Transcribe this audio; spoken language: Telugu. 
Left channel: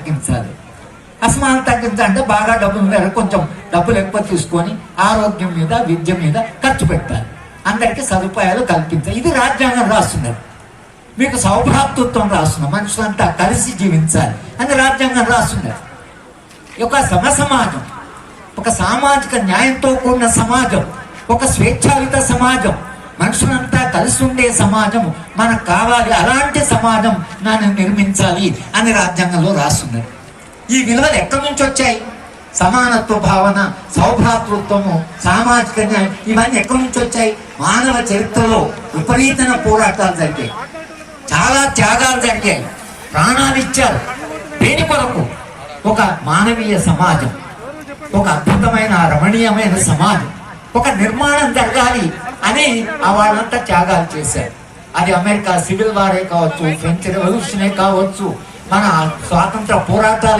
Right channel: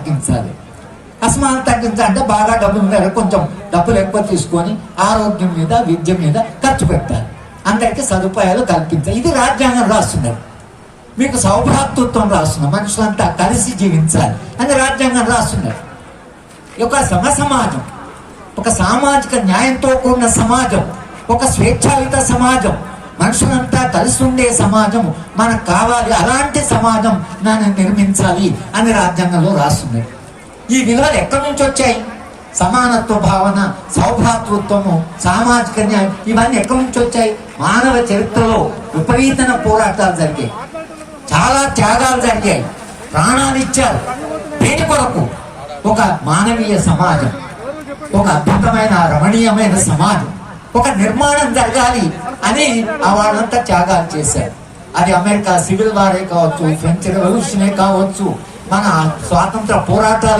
తగ్గించాలి. అసమానత తగ్గించాలంటే బాగా డబ్బులు మీద కొంచెం డబ్బులు ఎక్కువ తీసుకొని ఆరోగ్యం మీద విద్య మీద ఖర్చు పెట్టాలి. అందరికీ సదుపాయాలు కల్పించాలి. ఇది రాజ్యాంగం రాస్తున్నారు. మీకు సౌభ్రాతృత్వం రాస్తున్నారు. మనుషులంతా కలిసి జీవించాలి అని రాజ్యాంగం రాస్తున్నారు. ఒక సమ సమాజం ఒక సామాజిక న్యాయంతో కూడిన సమాజం ఒక స్వేచ్ఛాయుత సమాజం మనుషులంతా కలిసి ఉండే సమాజం మనకు కావాలి అలాంటి సమాజం నన్ను నిర్మించాలి అని రాజ్యాంగంలో రాస్తున్నది ఈ విలువలు ఎక్కడి నుంచి వచ్చాయి? సమానత్వ భావన సౌభాతృత్వము సామాజిక న్యాయం ఇవన్నీ ఎక్కడి నుంచి వచ్చాయి? మానవ చరిత్రలో విపరీతమైన పోరాటాలు జరిగాయి. చాలా త్యాగాలు జరిగాయి. ప్రాణాలు ఇచ్చారు. దేని కొరకు ఒక మానవీయ సమాజం ఒక అద్భుతమైన రమణీయమైన సమాజం ఒక నిర్మాణం జరగాలి అని ఆ వాళ్ళంతా త్యాగాలు చేశారు. అది అమెరికా సివిల్ వారే కావచ్చు ఫ్రెంచ్ రెవల్యూషనే కావచ్చు మన స్వాతంత్ర పోరాటాలే